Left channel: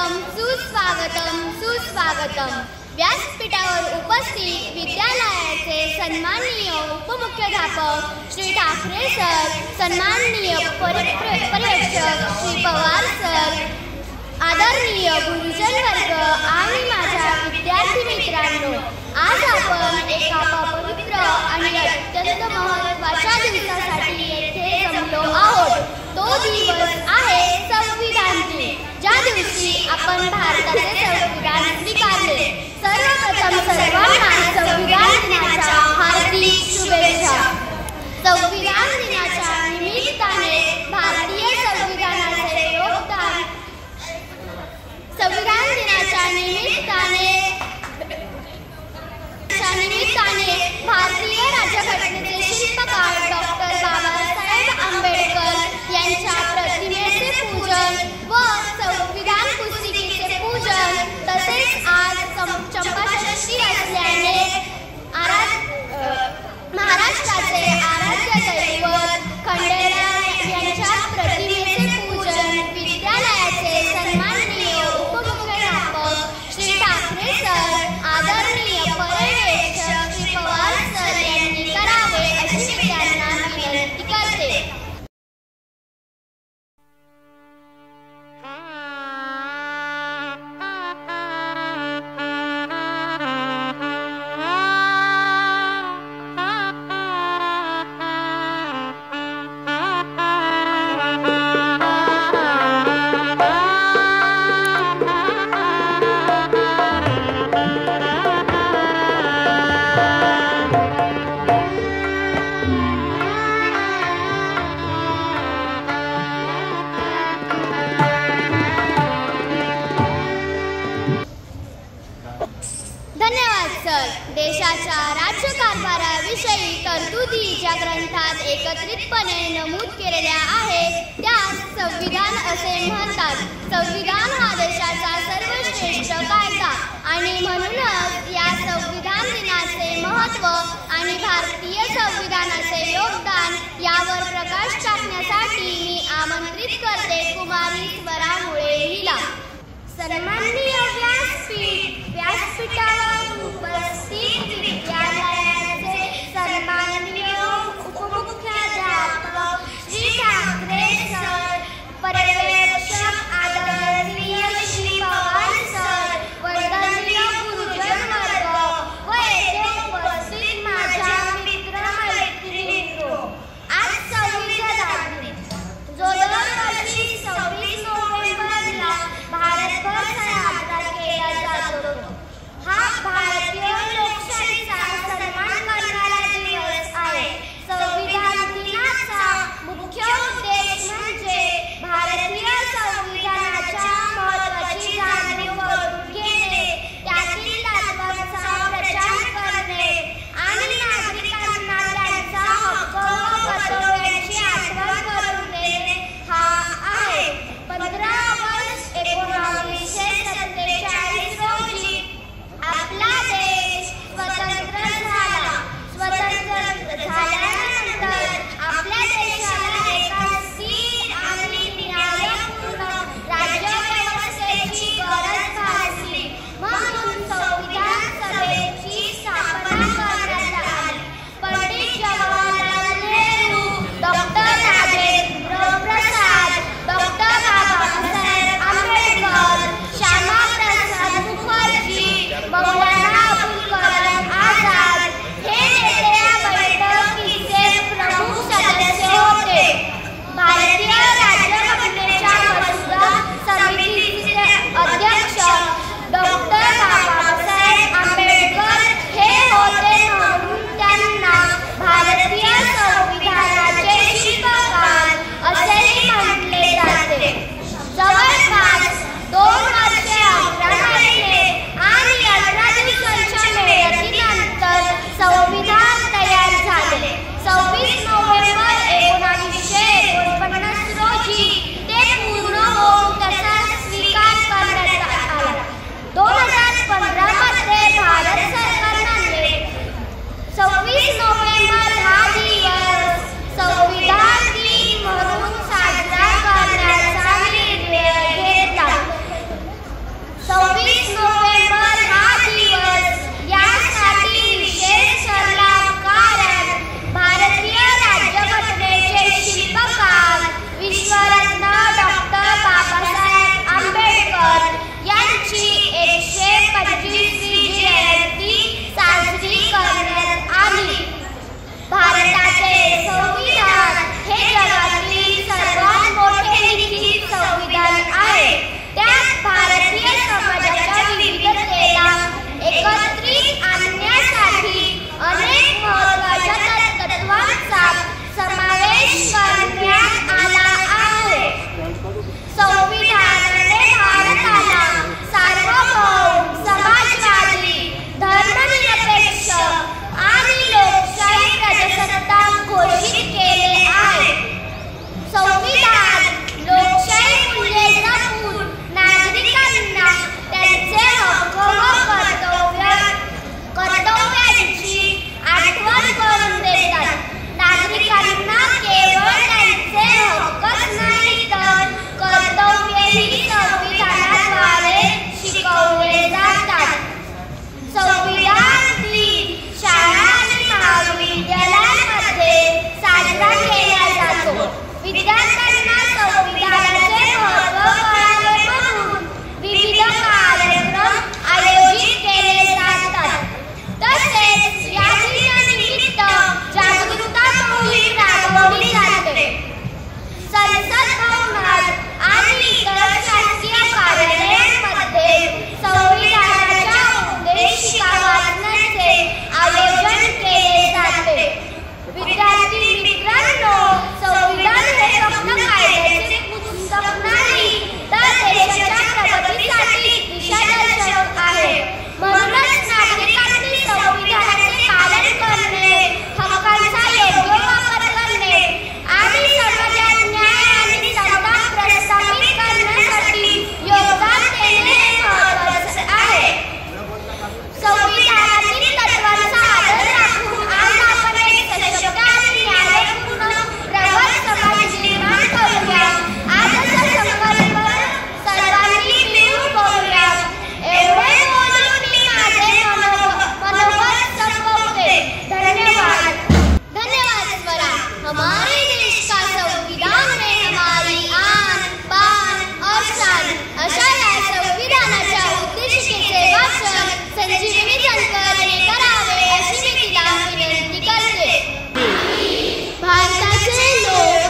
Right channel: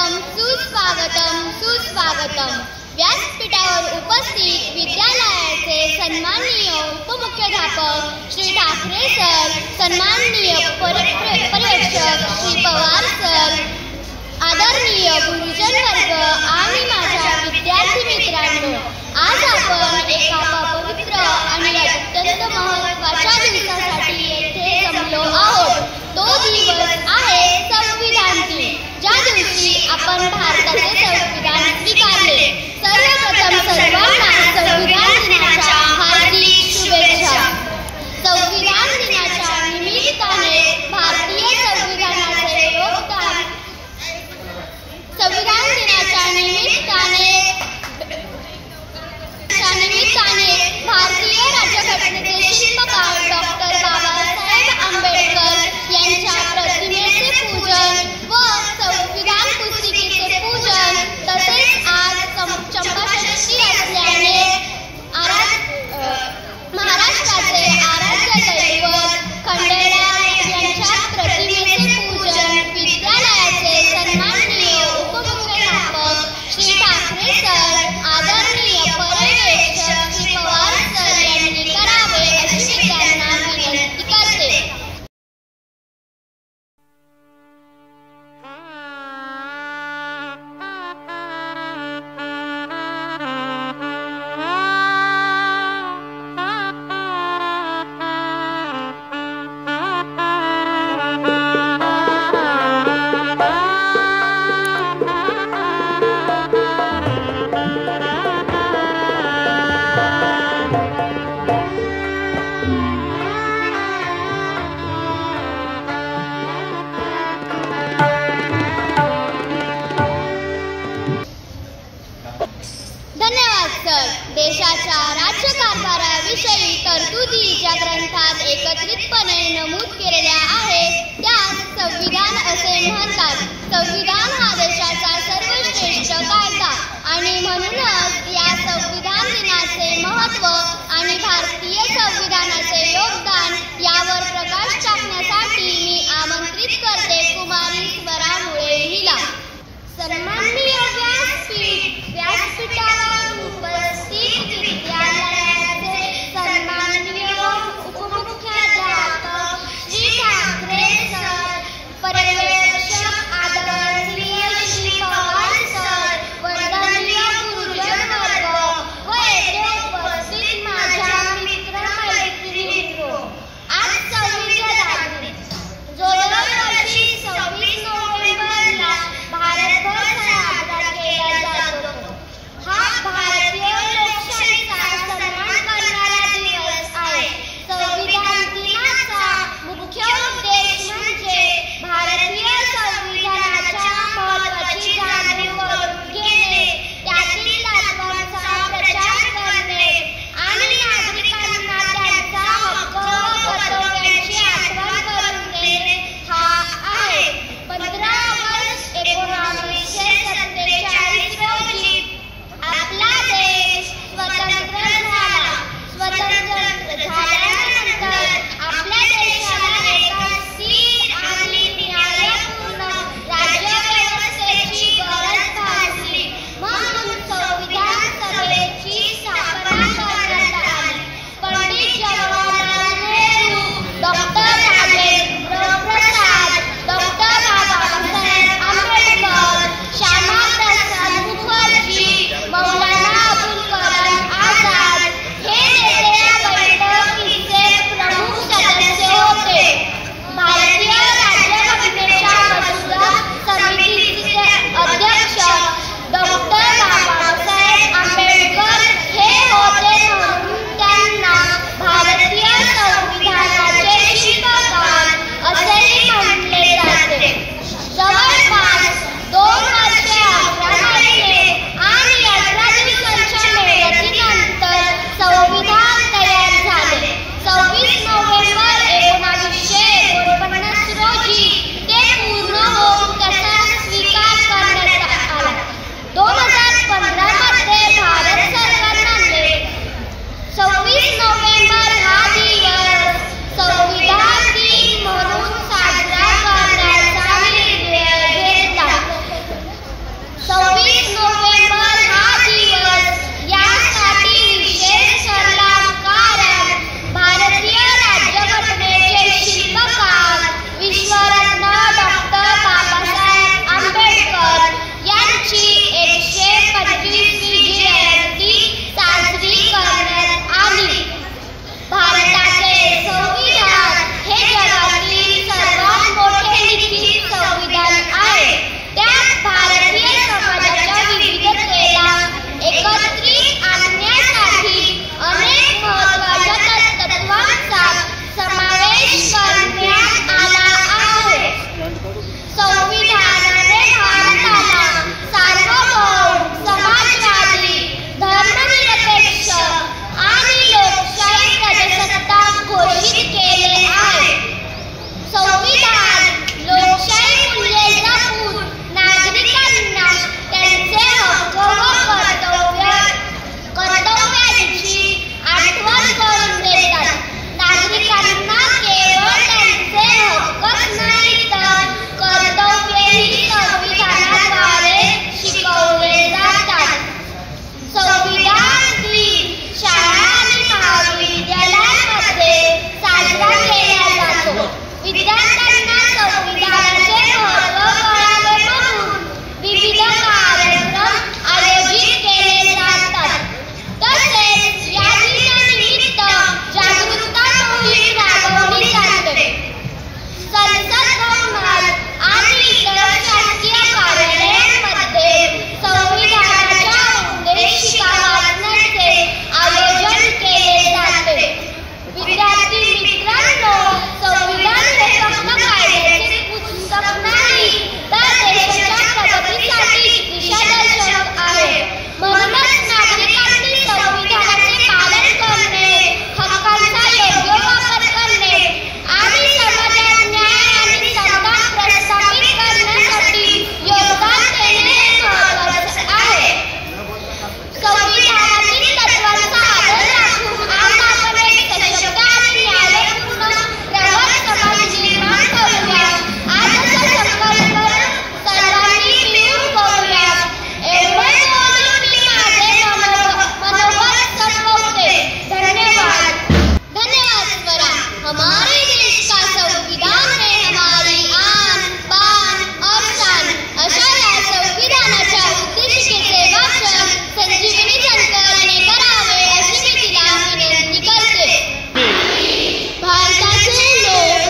स्वागतम सुस्वागतम सुस्वागतम। व्यासपीठावर उपस्थित विद्यालयाचे सन्माननीय उपमुख्याध्यापक श्री ठाकरे सर, सन्माननीय पर्यवेक्षक श्री पवार सर, आदरणीय गुरुजन वर्ग आणि माझ्या विद्यार्थी मित्रांनो, आज आपण एका पवित्र आणि अत्यंत महत्त्वाच्या दिवसासाठी येथे जमलो आहोत। तो दिवस आहे संविधान दिन, ज्या दिवशी आपण भारताचे संविधान स्वीकारले। सर्वप्रथम सर्वांना संविधान दिनाच्या हार्दिक शुभेच्छा। संविधान दिनाच्या निमित्ताने भारतीय संविधानाचे योगदान, संविधान दिनाच्या निमित्ताने भारतीय राज्यघटनेचे शिल्पकार डॉक्टर बाबासाहेब आंबेडकर यांच्या प्रतिमेचे पूजन व संविधान पुस्तिकेचे पूजन, तसेच आज चंपाषष्ठी असल्याने महाराष्ट्राचे आराध्य दैवत खंडेराय यांच्या प्रतिमेचे पूजन विद्यालयाचे सन्माननीय उपमुख्याध्यापक श्री ठाकरे सर, आदरणीय पर्यवेक्षक श्री पवार सर यांनी करावे अशी मी त्यांना विनंती करते। धन्यवाद सर। देशाच्या राज्यकारभाराविषयी तरतुदी ज्या ग्रंथात एकत्रितपणे नमूद केलेल्या आहेत त्यास संविधान असे म्हणतात। संविधान हा देशाचा सर्वश्रेष्ठ कायदा आणि म्हणूनच या संविधान दिनाचे महत्त्व आणि भारतीय संविधानाचे योगदान यावर प्रकाश टाकण्यासाठी मी आमंत्रित करते कुमारी स्वरामुळे हिला। सन्माननीय व्यासपीठावर उपस्थित विद्यालयाचे सन्माननीय उपमुख्याध्यापक श्री ठाकरे सर, पर्यवेक्षक आदरणीय श्री पवार सर, वंदनीय गुरुजन वर्ग व येथे उपस्थित माझ्या मित्र-मैत्रिणींनो, आज संविधान दिन जो दरवर्षी 26 नोव्हेंबरला भारतभर साजरा केला जातो, हा भारतीय लोकशाहीचा सन्मान करणारा दिवस आहे। संविधान दिनाचा मुख्य उद्देश म्हणजे भारतीय संविधानाच्या महत्त्वाची जाणीव करून घेणे, त्यातील तत्त्वांचा प्रचार करणे आणि नागरिकांना त्यांचा हक्क व कर्तव्यांची आठवण करून देणे हा आहे। 15 ऑगस्ट 1947 रोजी आपला देश स्वतंत्र झाला। स्वतंत्र झाल्यानंतर आपल्या देशाला एका स्थिर आणि न्यायपूर्ण राज्यव्यवस्थेची गरज भासली, म्हणून संविधान सभेची स्थापना करण्यात आली। पंडित जवाहरलाल नेहरू, डॉक्टर राजेंद्र प्रसाद, डॉक्टर बाबासाहेब आंबेडकर, श्यामाप्रसाद मुखर्जी, मौलाना अबुल कलाम आझाद हे नेते या बैठकीचे प्रमुख सदस्य होते। भारतीय राज्यघटनेच्या मसुदा समितीचे अध्यक्ष डॉक्टर बाबासाहेब आंबेडकर हे होते, म्हणून त्यांना भारतीय संविधानाचे शिल्पकार असेही म्हटले जाते। जवळपास 2 वर्षे 11 महिने आणि 18 दिवसांच्या मेहनतीनंतर संविधान तयार झाले। 26 नोव्हेंबर 1949 रोजी ते पूर्ण होऊन त्याचा स्वीकार करण्यात आला। 2015 मध्ये भारत सरकारने 26 नोव्हेंबर हा दिवस संविधान दिन म्हणून साजरा करण्याचा निर्णय घेतला। प्रवेश करण्यात आला आहे. संविधानाने भारताला सार्वभौम, समाजवादी, धर्मनिरपेक्ष आणि लोकशाही प्रजासत्ताक घोषित केले आहे. संविधान लोकशाही मूल्ये जपून नागरिकांना त्यांचे हक्क व कर्तव्यांची आठवण करून देतात. नागरिकांना केवळ त्यांचे हक्कच नाही तर कर्तव्यही संविधानाद्वारे शिकवले जातात. संविधान दिन शाळा आणि महाविद्यालयांमध्ये साजरा केला जातो. विद्यार्थ्यांना संविधानाचे महत्त्व कळावे म्हणून विविध कार्यक्रम आयोजित केले जातात. तसेच या दिनानिमित्त जागरूकता मोहीम राबवली जाते. संसद भवनात आणि इतर शासकीय कार्यालयांमध्ये संविधानाच्या उद्देशिका वाचनाचे आयोजन केले जाते. विद्यार्थी मित्रांनो, संविधान हे फक्त कायद्याचे पुस्तक नाही तर देशाच्या प्रगतीसाठी दिशादर्शक आहे. म्हणूनच नागरिकांनी संविधानाचे पालन करणे, हक्कांचा योग्य वापर करणे आणि समाजात न्याय आणि समता प्रस्थापित करण्यासाठी योगदान देणे हे महत्त्वाचे आहे. संविधानातील तत्त्वांचा आदर राखून आज आपण एक सशक्त आणि न्यायपूर्ण प्रगत समाज निर्माण करूया. आजचा संकल्प सर्वांनी मिळून करूया. एवढे बोलून मी माझे मनोगत संपवते. धन्यवाद. धन्यवाद स्वरा. हमारे देश का संविधान है हमारी आन, बान और शान. अशा या संविधानाच्या उद्देशिकेचे वाचन संजीवनी जानकरने करावे अशी मी तिला विनंती करते. भारताचे लोक,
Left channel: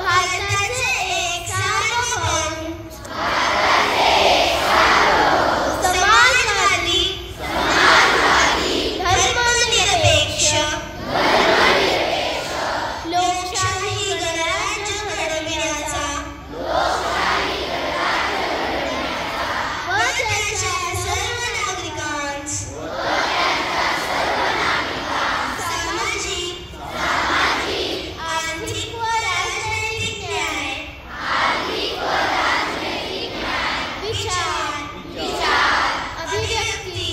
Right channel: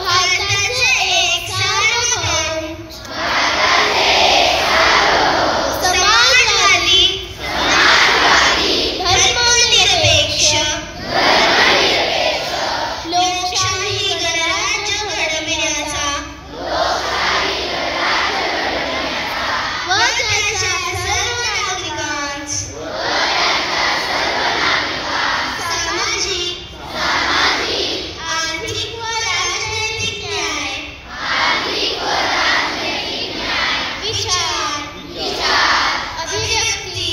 भारताचे एक सार्वभौम, समाजवादी, धर्मनिरपेक्ष, लोकशाही गणराज्य घडविण्याचा व त्याच्या सर्व नागरिकांस सामाजिक, आर्थिक व राजनैतिक न्याय, विचार, अभिव्यक्ती,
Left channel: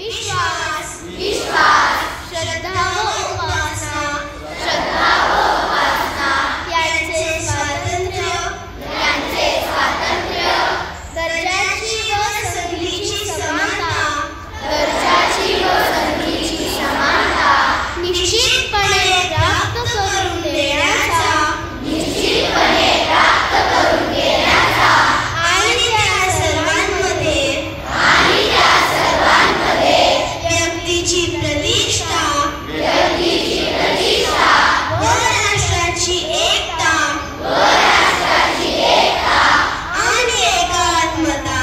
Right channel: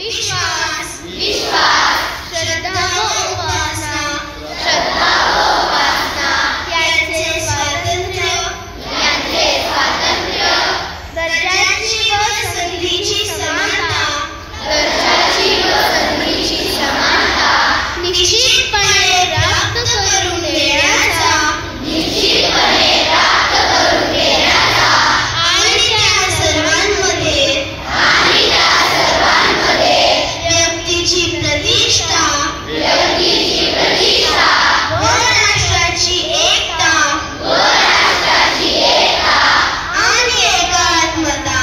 विश्वास, श्रद्धा व उपासना यांचे स्वातंत्र्य, दर्जाची व संधीची समानता निश्चितपणे प्राप्त करून देण्याचा आणि त्या सर्वांमध्ये व्यक्तीची प्रतिष्ठा व राष्ट्राची एकता आणि एकात्मता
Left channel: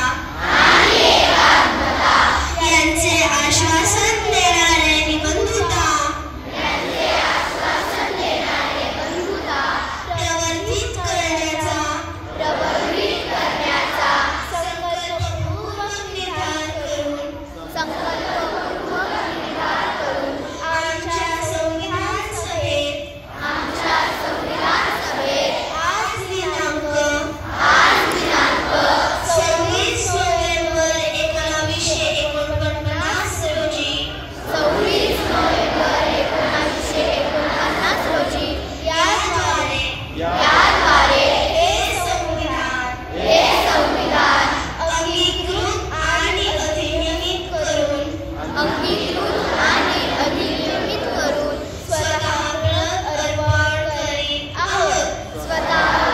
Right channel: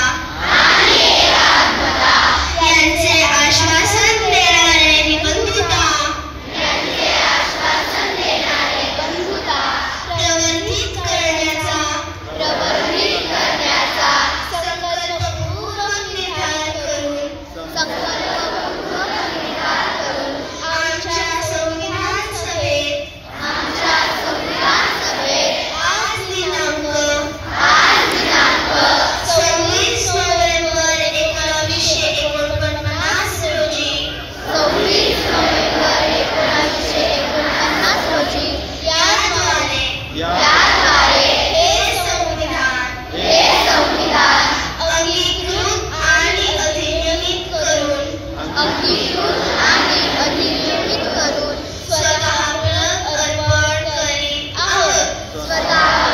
यांचे आश्वासन देणारे निबंधता प्रवर्धित करण्याचा संकल्पपूर्वक निर्धार करून आमच्या संविधान सभेत आज दिनांक 26 नोव्हेंबर 1949 रोजी याद्वारे हे संविधान अंगीकृत आणि अधिनियमित करून स्वतः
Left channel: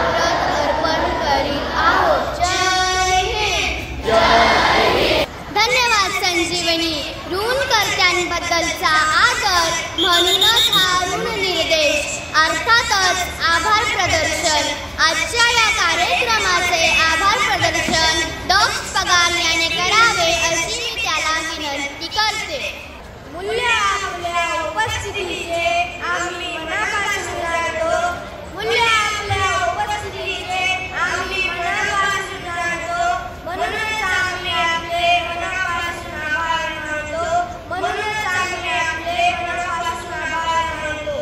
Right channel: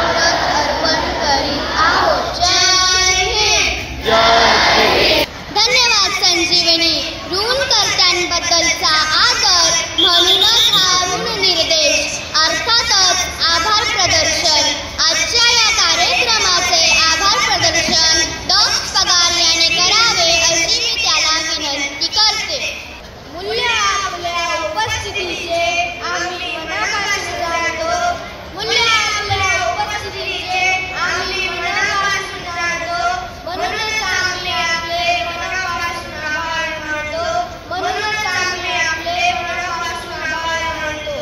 व्रत अर्पण करीत आहोत. जय हिंद. धन्यवाद संजीवनी. ऋणकर्त्यांबद्दलचा आदर म्हणूनच हा ऋण निर्देश अर्थातच आभार प्रदर्शन. आजच्या या कार्यक्रमाचे आभार प्रदर्शन डॉक्टर पगार याने करावे अशी मी त्याला विनंती करते. मूल्य आपल्या उपस्थितीचे आम्ही मनापासून जाणतो. मूल्य आपल्या उपस्थितीचे आम्ही मनापासून जाणतो. म्हणूनच आम्ही आपले मनापासून आभार मानतो. म्हणूनच आम्ही आपले मनापासून आभार मानतो.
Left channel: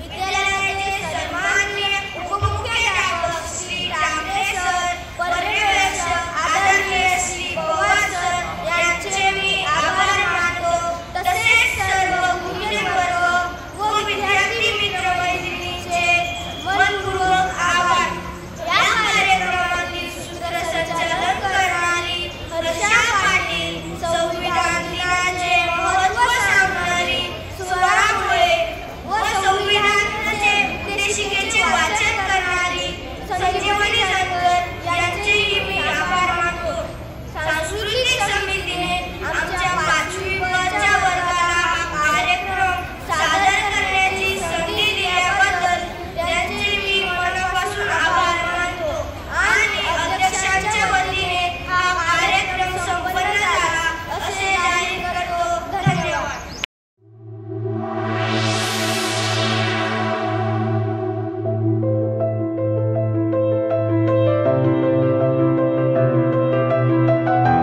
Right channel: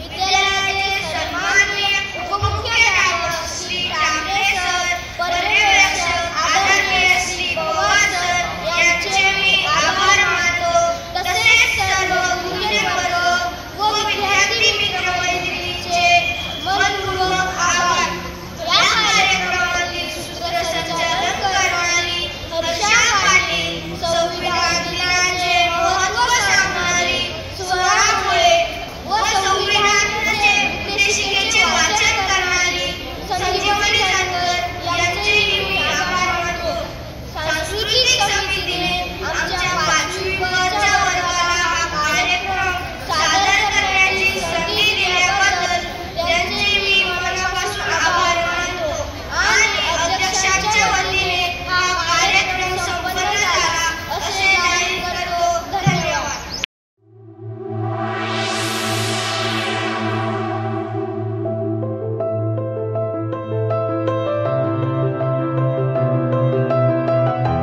विद्यालयाचे सन्माननीय उपमुख्याध्यापक श्री टांगरे सर, पर्यवेक्षक आदरणीय श्री पवार सर यांचे मी आभार मानतो. तसेच सर्व गुरुजन वर्ग व विद्यार्थी मित्रमैत्रिणींचे मनपूर्वक आभार. या कार्यक्रमाचे सूत्रसंचालन करणारी हर्षा पाटील, संविधान दिनाचे महत्त्व सांगणारी स्वरा मुळे व संविधानाचे उद्देशिकेचे वाचन करणारी संजीवनी जानकर यांचेही मी आभार मानतो. सांस्कृतिक समितीने आमच्या